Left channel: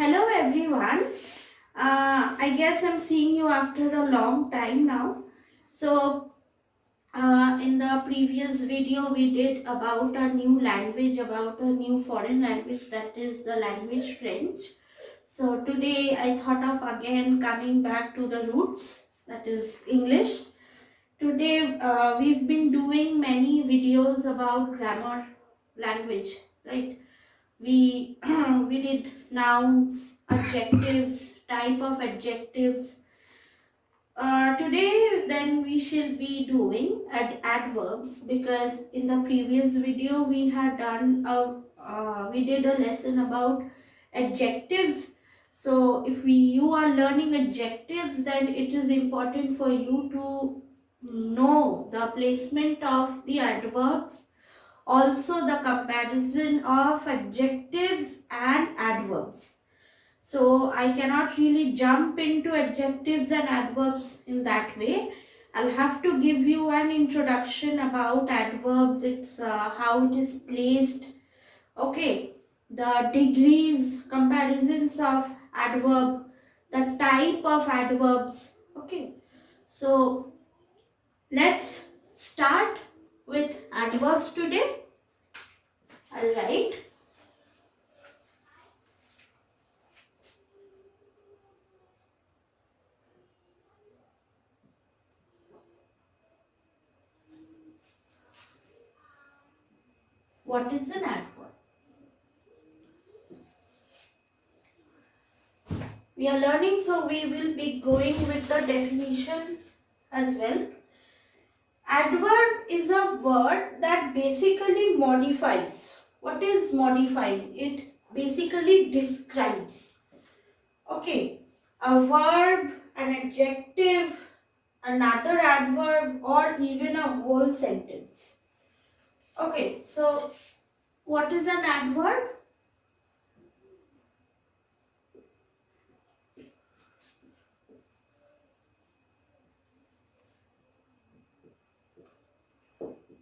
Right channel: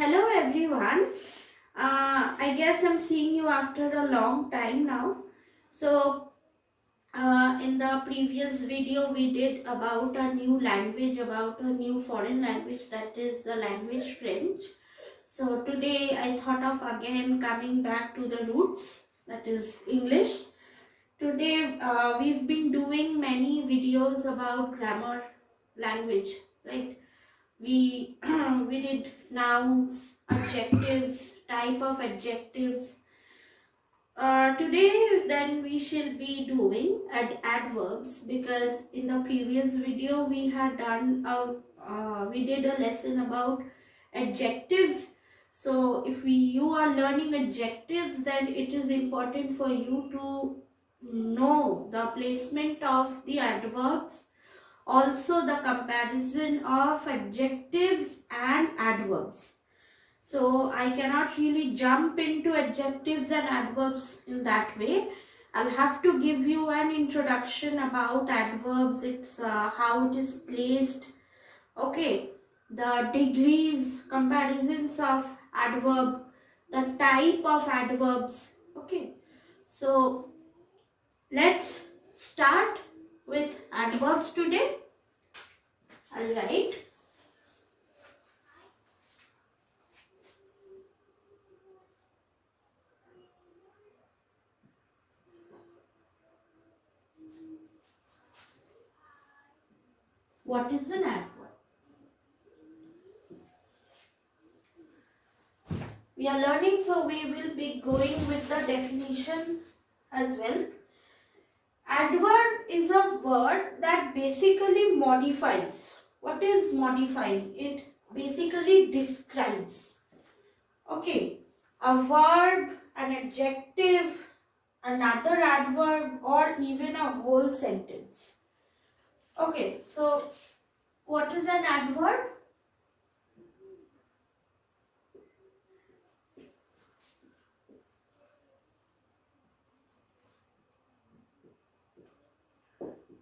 Hello everyone. I guess I'm seeing you after a long time now. In the previous video, we did about a new language, about a new foreign language, that is the language French. So, today I thought of again coming back to the roots, that is English. Today, we've been doing many videos about grammar language, right? We we did nouns, adjectives, type of adjectives. Today then we shall be doing adverbs, because in the previous video we did a lesson about adjectives. So if you are learning adjectives, then it is important for you to know the placement of the adverbs, also the comparison of adjectives and adverbs. So I cannot really jump into adjectives and adverbs in that way. I'll have to give you an introduction about adverbs, it's how it is placed, okay, the degrees, comparisons of adverb, the type of adverbs, okay. So let's start with adverbs today. All right. What is an adverb? We are learning, so we will be going with the definition as well. Adverb is a word that basically modifies. What is modifying? It basically describes. Okay, a verb, an adjective, another adverb, or even a whole sentence. Okay, so what is an adverb?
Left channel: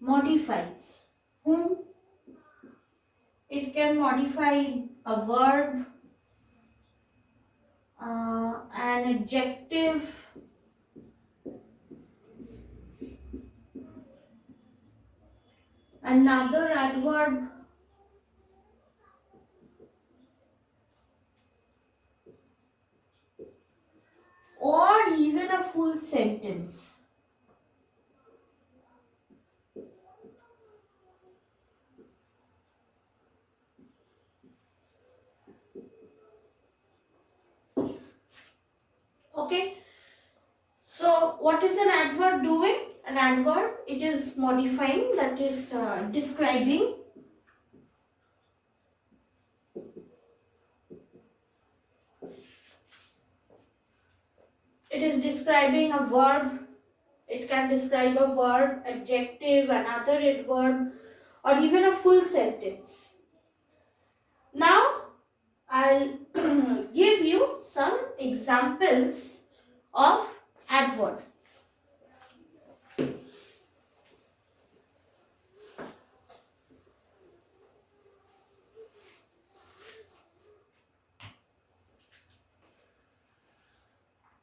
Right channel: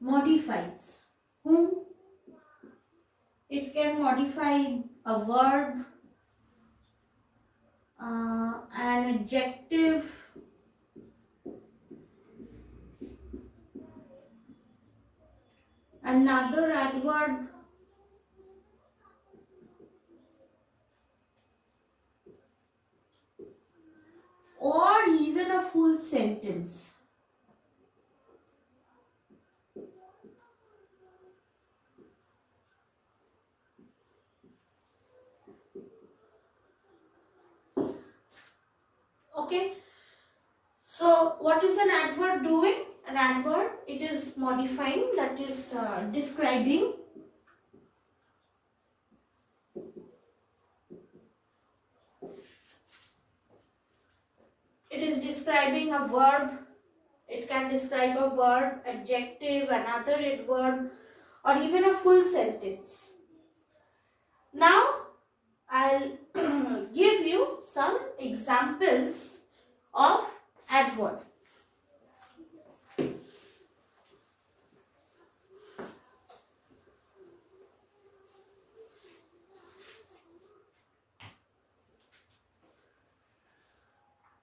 Modifies. Whom? It can modify a verb, an adjective, another adverb, or even a full sentence. Okay. So what is an adverb doing? An adverb, it is modifying, that is describing. It is describing a verb. It can describe a verb, adjective, another adverb, or even a full sentence. Now, I'll give you some examples of adverb.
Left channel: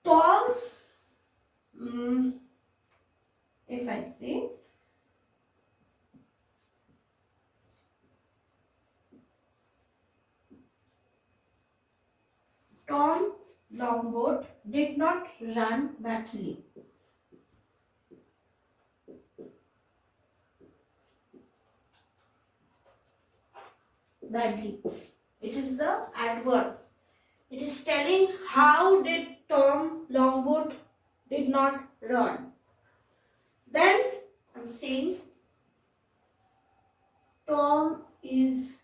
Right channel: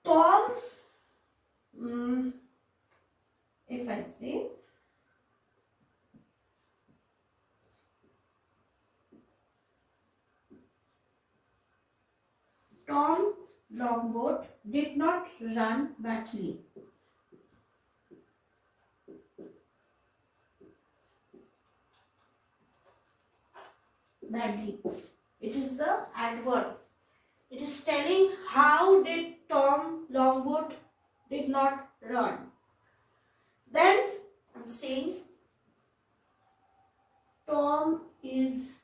Tom, if I say, Tom Longboat did not run badly. Badly. It is the adverb. It is telling how did Tom Longboat did not run. Then I'm saying Tom is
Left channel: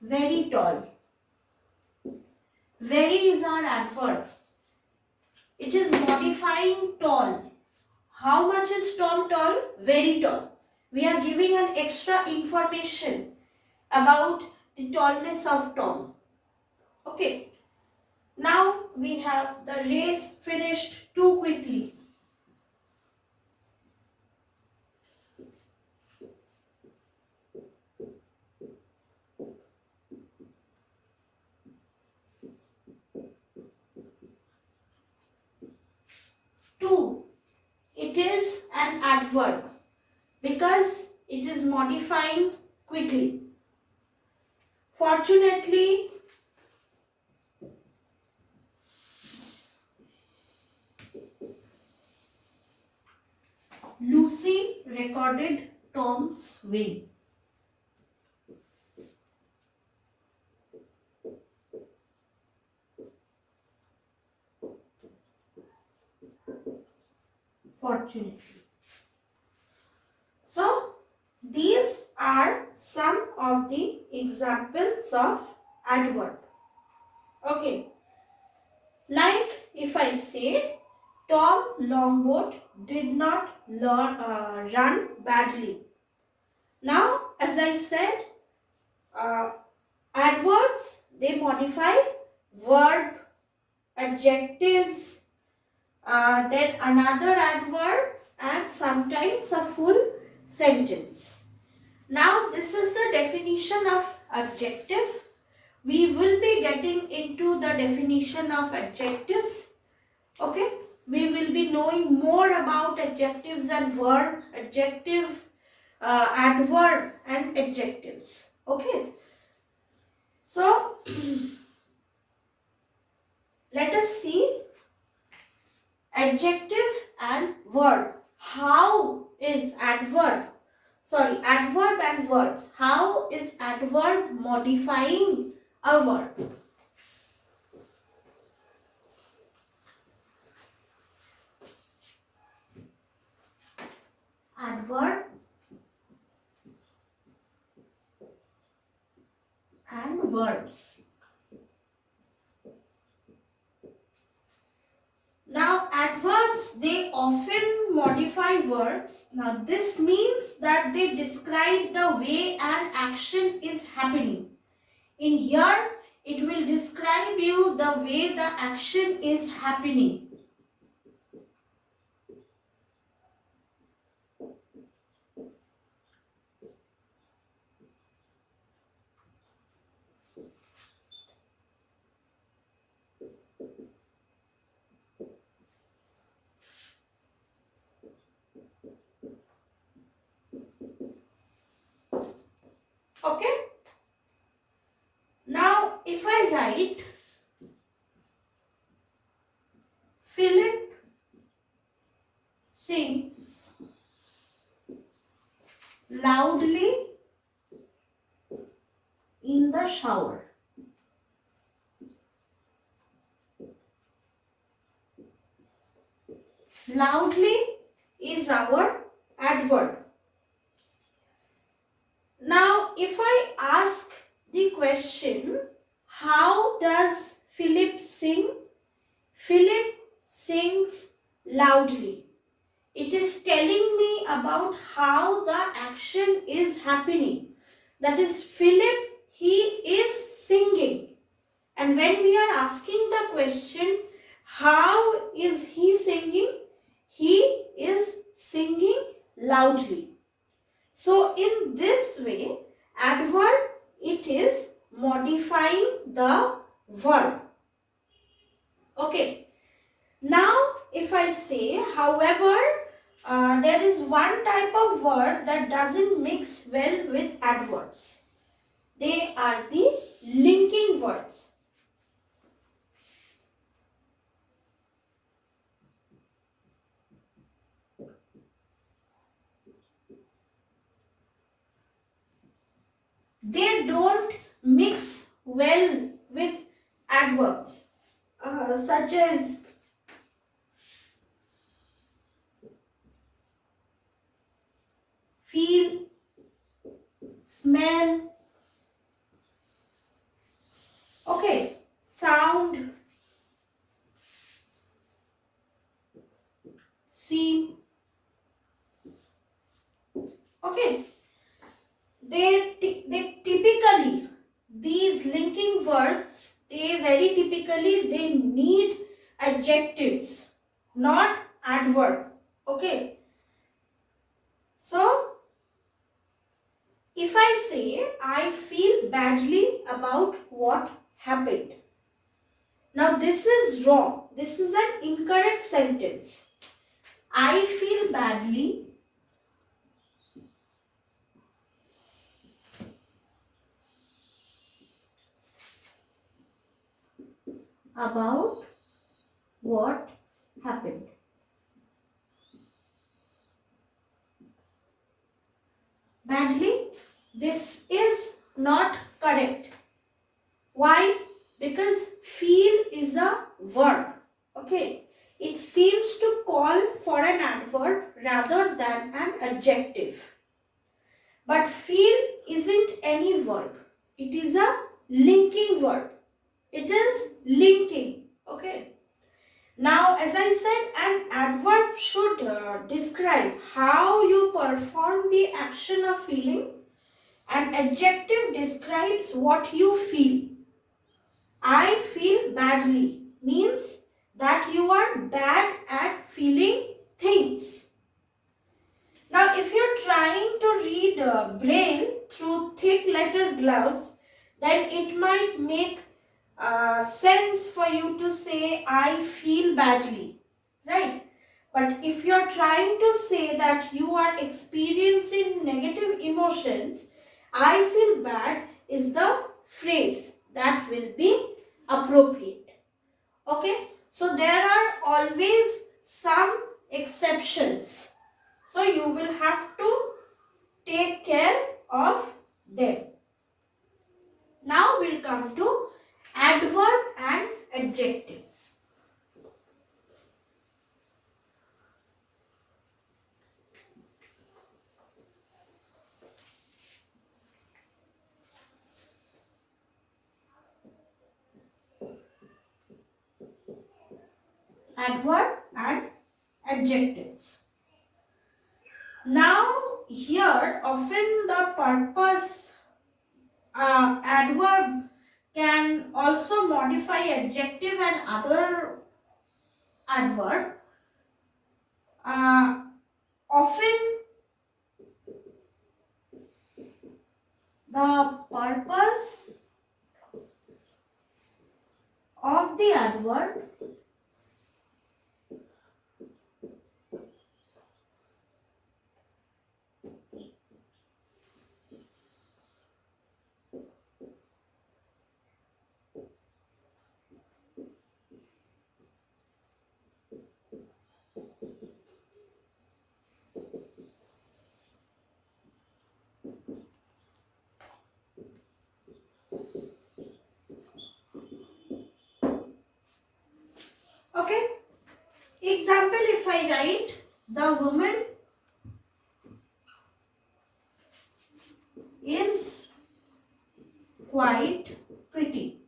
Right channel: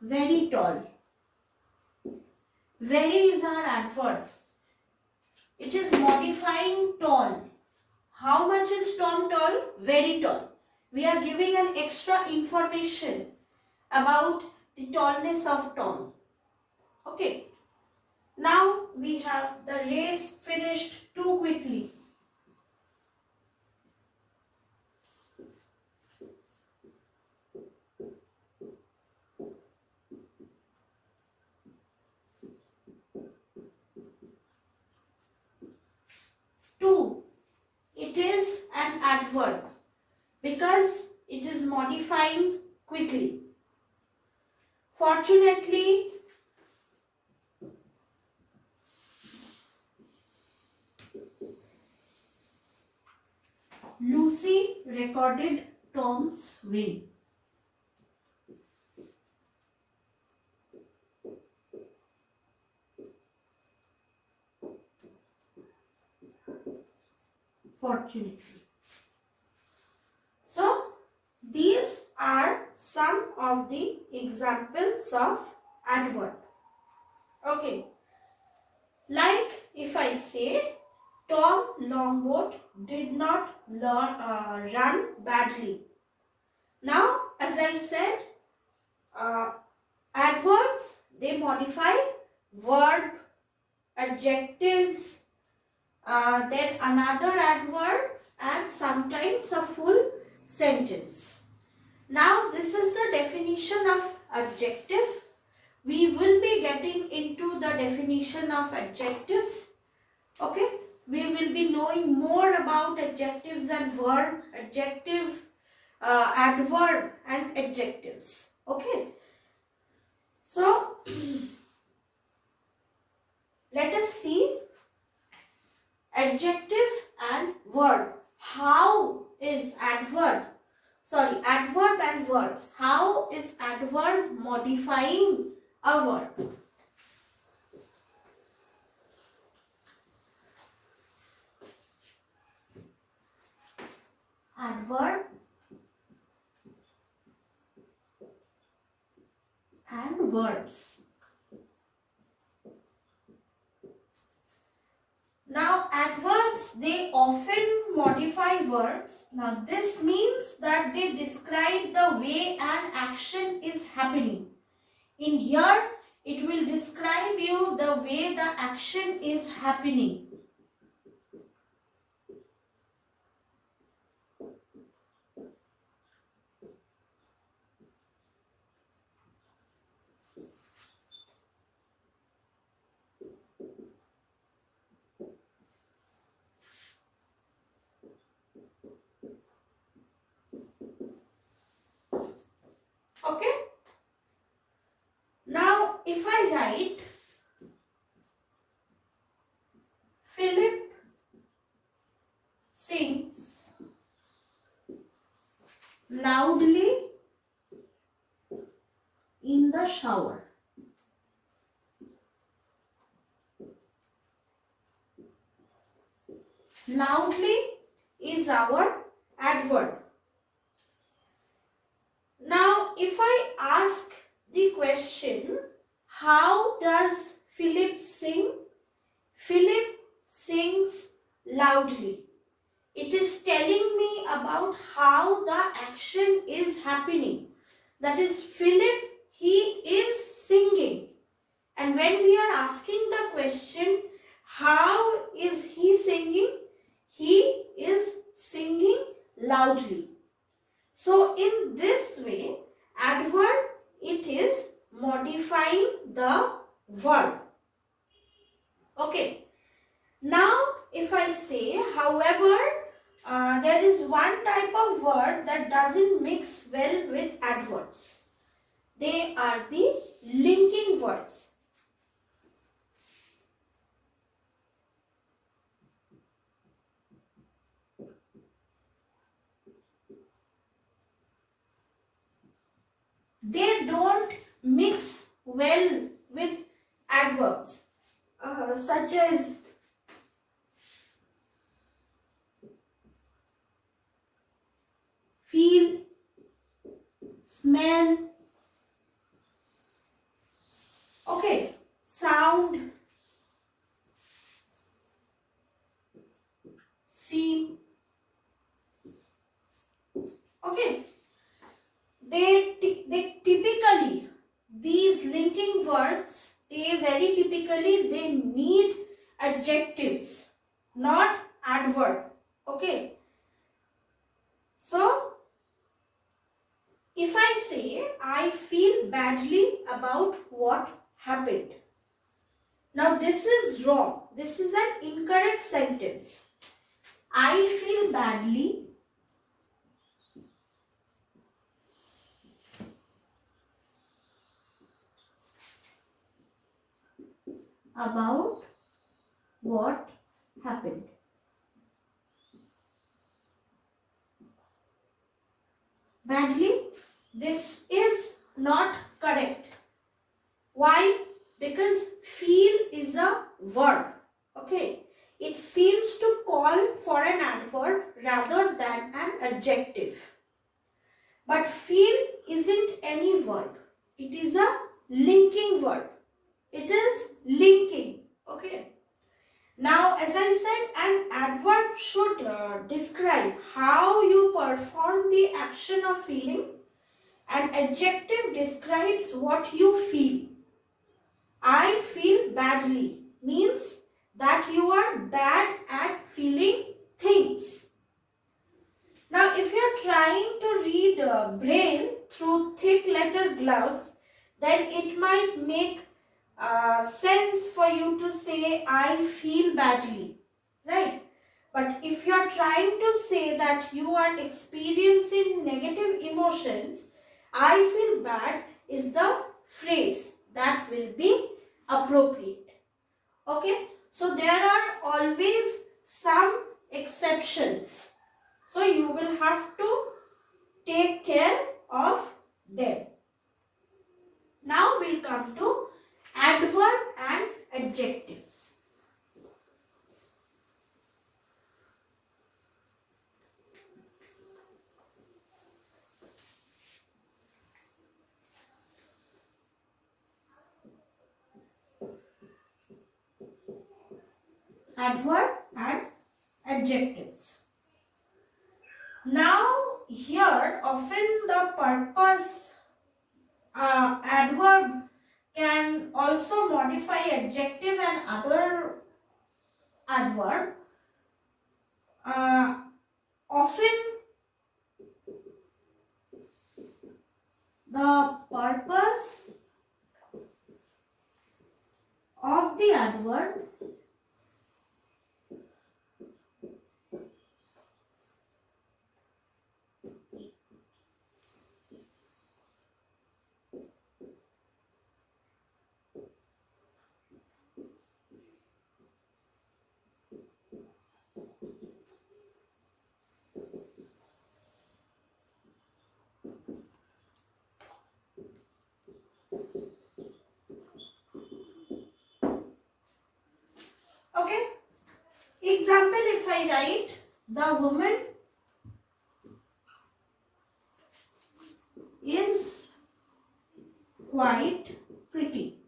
very tall. Very is our adverb. It is modifying tall. How much is Tom tall? Very tall. We are giving an extra information about the tallness of Tom. Okay. Now we have the race finished too quickly. adverb because it is modifying quickly. Fortunately, Lucy recorded Tom's win. Fortunately. So, these are some of the examples of adverb. Okay. Like if I say, Tom Longboat did not run badly. Now, as I said, adverbs, they modify verb, adjectives, then another adverb and sometimes a full sentence. Now, this is the definition of adjective. We will be getting into the definition of adjectives. Okay, we will be knowing more about adjectives and verb, adjective, adverb and adjectives. Okay, so let us see adjective and verb. How is adverb and verbs. How is adverb modifying a verb? Adverb and verbs. Now, adverbs, they often modify verbs. Now, this means that they describe the way an action is happening. In here, it will describe you the way the action is happening. Okay. Now, if I write, Philip sings loudly in the shower. Loudly is our adverb. Now, if I ask the question, how does Philip sing? Philip sings loudly. It is telling me about how the action is happening. That is, Philip, he is singing. And when we are asking the question, how is he singing? He is singing loudly. So, in this way, adverb, it is modifying the verb. Okay. Now, if I say, however, there is one type of word that doesn't mix well with adverbs. They are the linking words. They don't mix well with adverbs, such as feel, smell, okay, sound, see, okay. They typically, these linking words, they need adjectives, not adverb. Okay. So, if I say, I feel badly about what happened. Now, this is wrong. This is an incorrect sentence. I feel badly about what happened. Badly, this is not correct. Why? Because feel is a verb. Okay. It seems to call for an adverb rather than an adjective. But feel isn't any verb. It is a linking verb. It is linking. Okay. Now, as I said, an adverb should describe how you perform the action of feeling. An adjective describes what you feel. I feel badly means that you are bad at feeling things. Now, if you're trying to read Braille through thick letter gloves, then it might make sense for you to say, I feel badly, right? But if you are trying to say that you are experiencing negative emotions, I feel bad is the phrase that will be appropriate. Okay, so there are always some exceptions. So you will have to take care of them. Now we'll come to adverb and adjectives. Adverb and adjectives. Now here often the purpose adverb can also modify adjective and other adverb. Often the purpose of the adverb okay. Example, if I write the woman is quite pretty.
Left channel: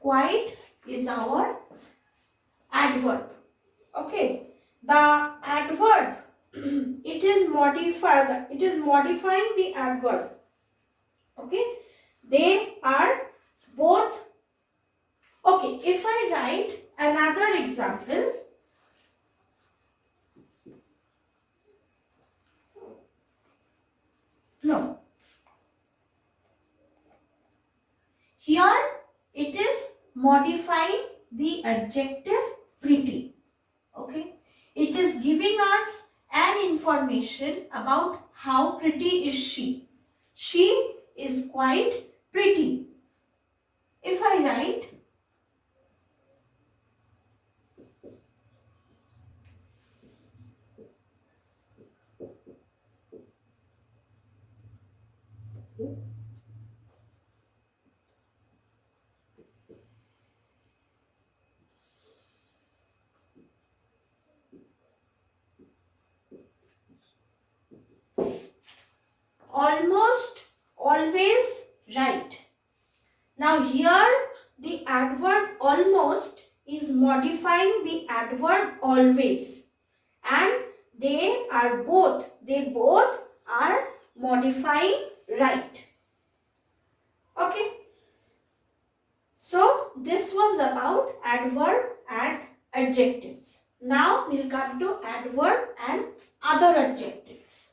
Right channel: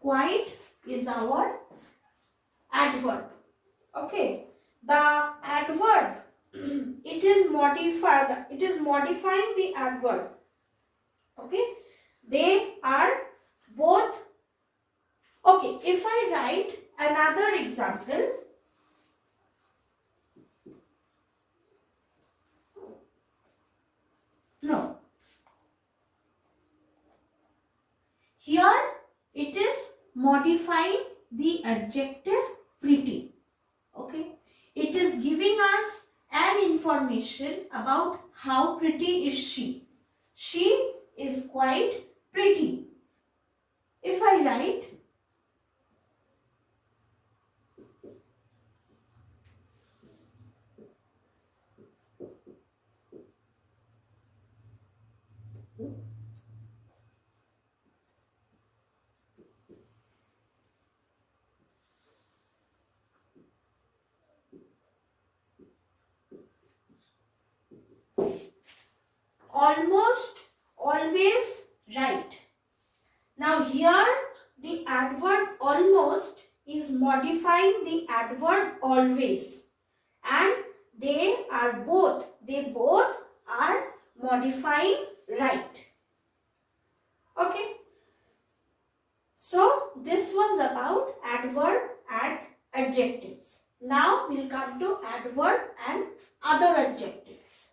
Quite is our adverb. Okay. The adverb it is modifying the adverb. Okay. They are both. Okay. If I write another example, no. Here it is modifying the adjective pretty. Okay. It is giving us an information about how pretty is she. She is quite pretty. If I write almost always right. Now here the adverb almost is modifying the adverb always, and they both are modifying right. Okay. So this was about adverb and adjectives. Now we'll come to adverb and other adjectives.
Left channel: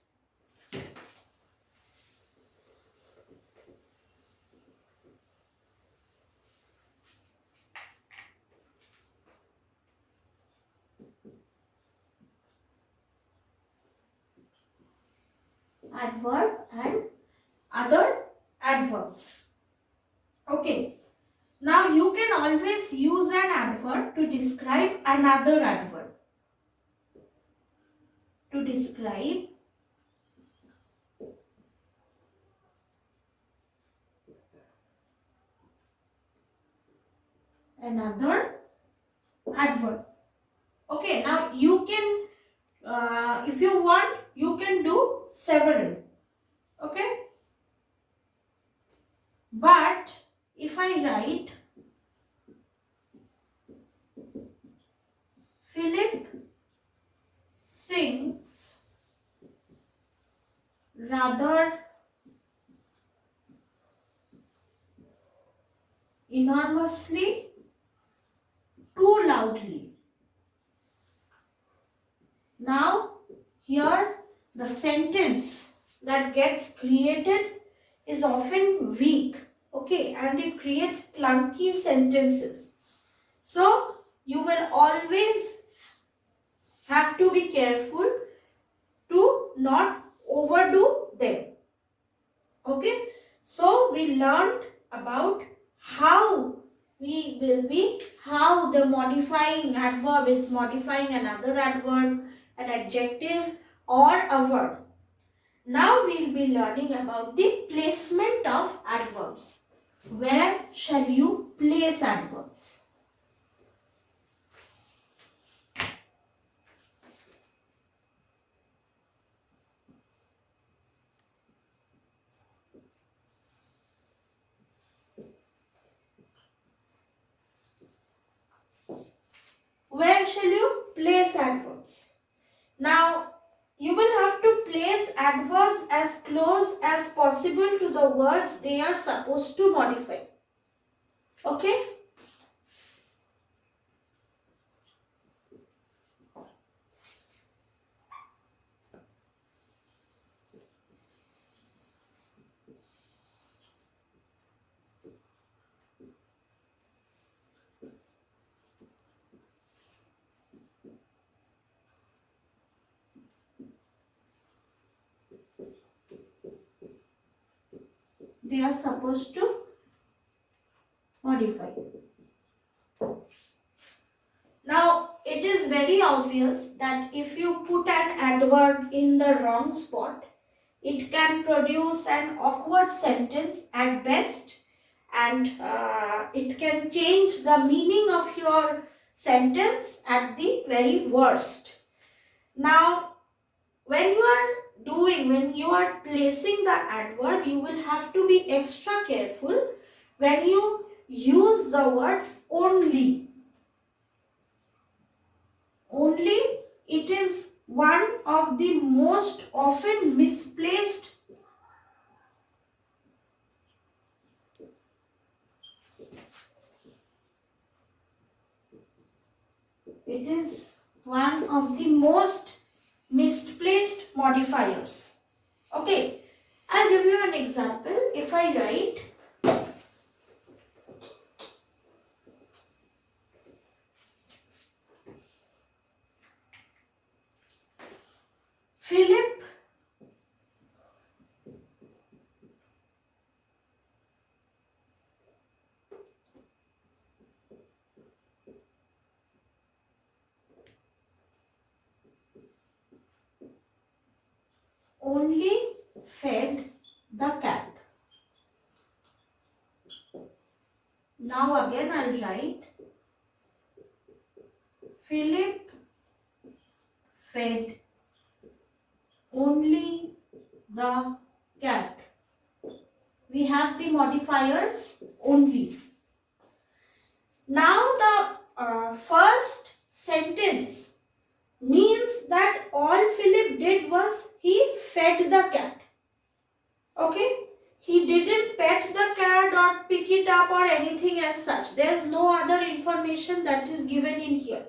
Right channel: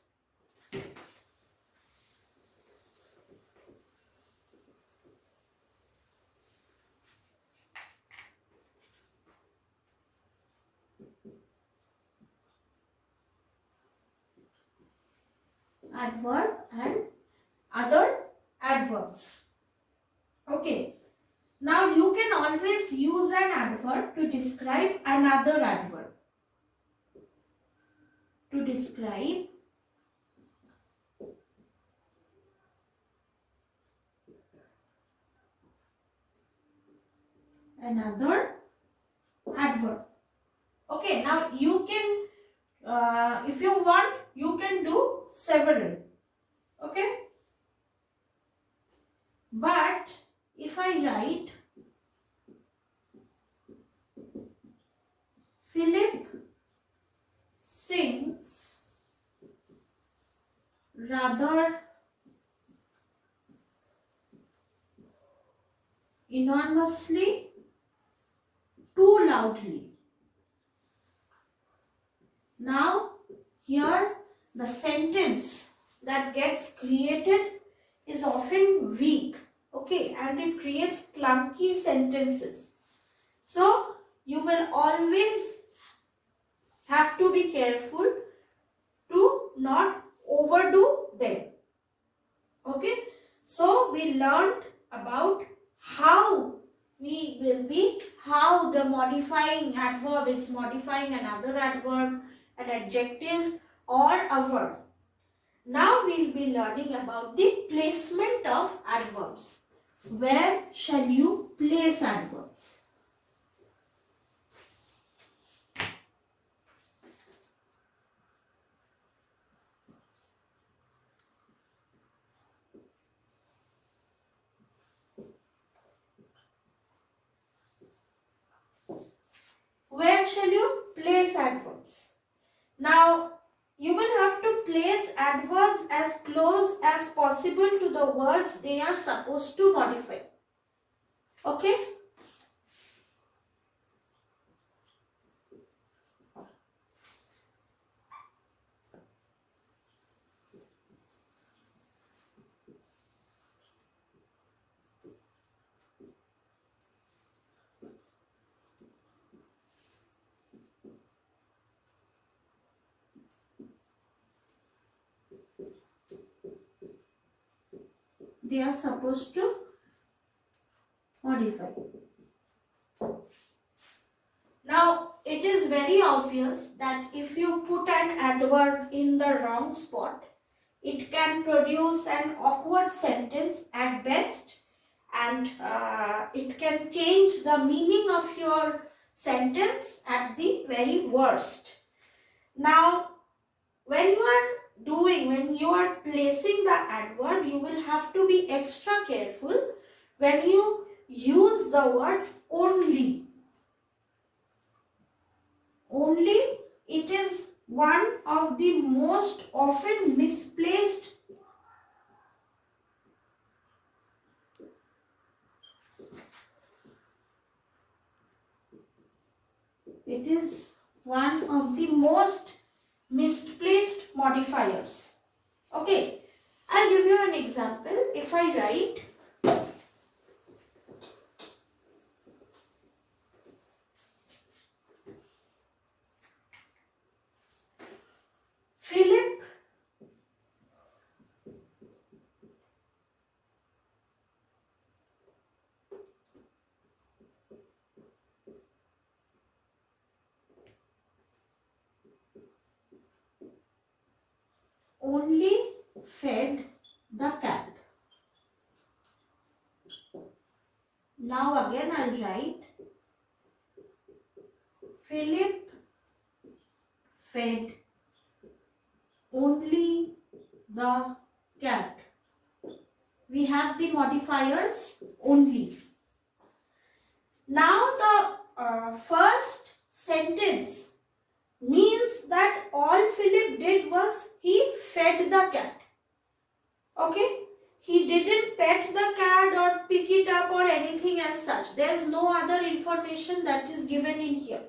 Adverb and other adverbs. Okay. always use an adverb to describe another adverb. To describe another adverb. Okay, now you can, if you want, you can do several. Okay, but if I write Philip sings rather enormously too loudly. Now here the sentence that gets created is often weak, okay, and it creates clunky sentences. So you will always have to be careful to not overdo them. Okay, so we learned about how how the modifying adverb is modifying another adverb, an adjective or a verb. Now we'll be learning about the placement of adverbs. Where shall you place adverbs? Where shall you place adverbs? Now, you will have to place adverbs as close as possible to the words they are supposed to modify. Okay? They are supposed to modify. Now, it is very obvious that if you put an adverb in the wrong spot, it can produce an awkward sentence at best, and it can change the meaning of your sentence at the very worst. Now, when you are placing the adverb, you will have to be extra careful when you use the word only. Only, it is one of the most often misplaced misplaced modifiers. Okay, I'll give you an example. If I write Philip only fed the cat. Now again I'll write Philip fed only the cat. We have the modifiers only. Now the first sentence means that all Philip did was he fed the cat. Okay? He didn't pet the cat or pick it up or anything as such. There is no other information that is given in here.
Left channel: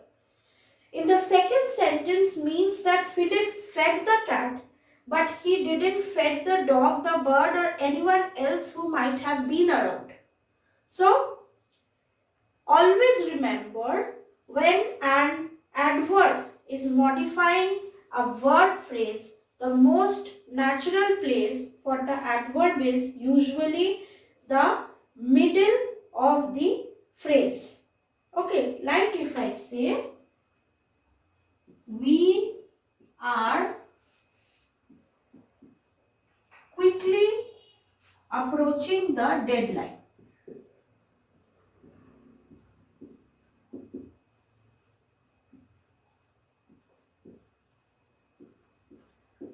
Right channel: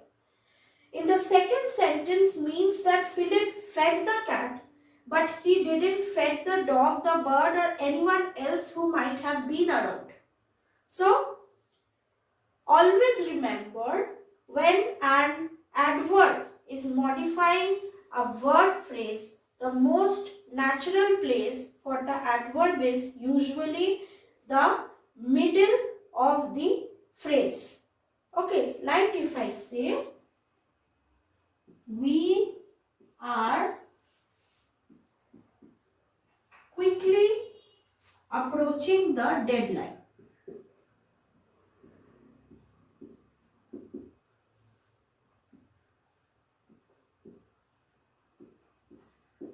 In the second sentence means that Philip fed the cat, but he didn't fed the dog, the bird or anyone else who might have been around. So, always remember, when an adverb is modifying a verb phrase, the most natural place for the adverb is usually the middle of the phrase. Okay, like if I say, we are quickly approaching the deadline.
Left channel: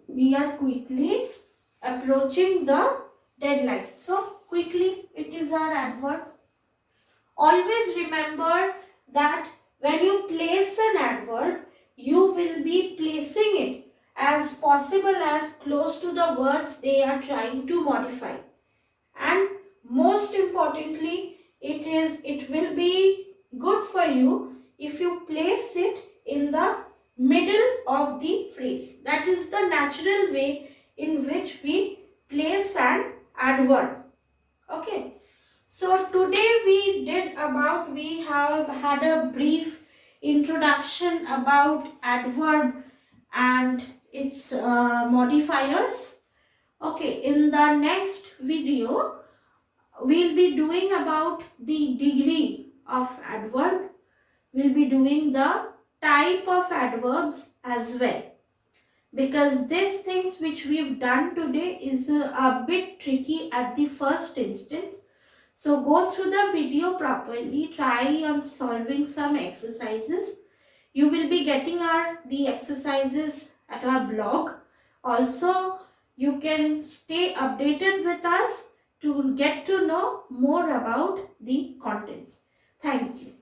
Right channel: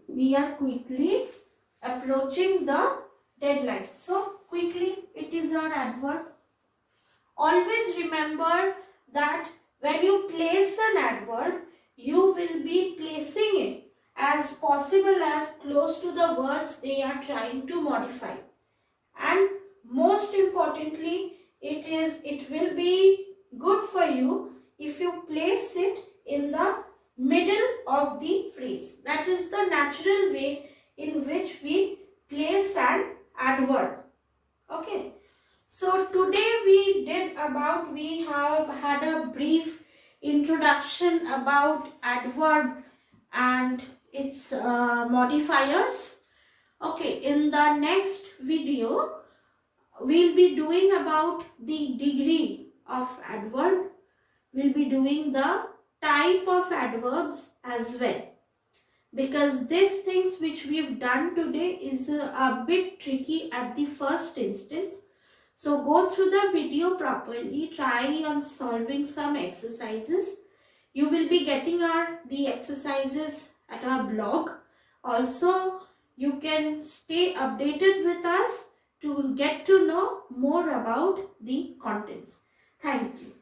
We are quickly approaching the deadline. So, quickly, it is our adverb. Always remember that when you place an adverb, you will be placing it as possible as close to the words they are trying to modify. And most importantly, it will be good for you if you place it in the middle of the phrase. That is the natural way in which we place an adverb. Okay. So today we have had a brief introduction about adverb and its modifiers. Okay, in the next video, we'll be doing about the degree of adverb. We'll be doing the type of adverbs as well. Because these things which we've done today is a bit tricky at the first instance. So go through the video properly, try on solving some exercises. You will be getting the exercises at our blog. Also, you can stay updated with us to get to know more about the contents. Thank you.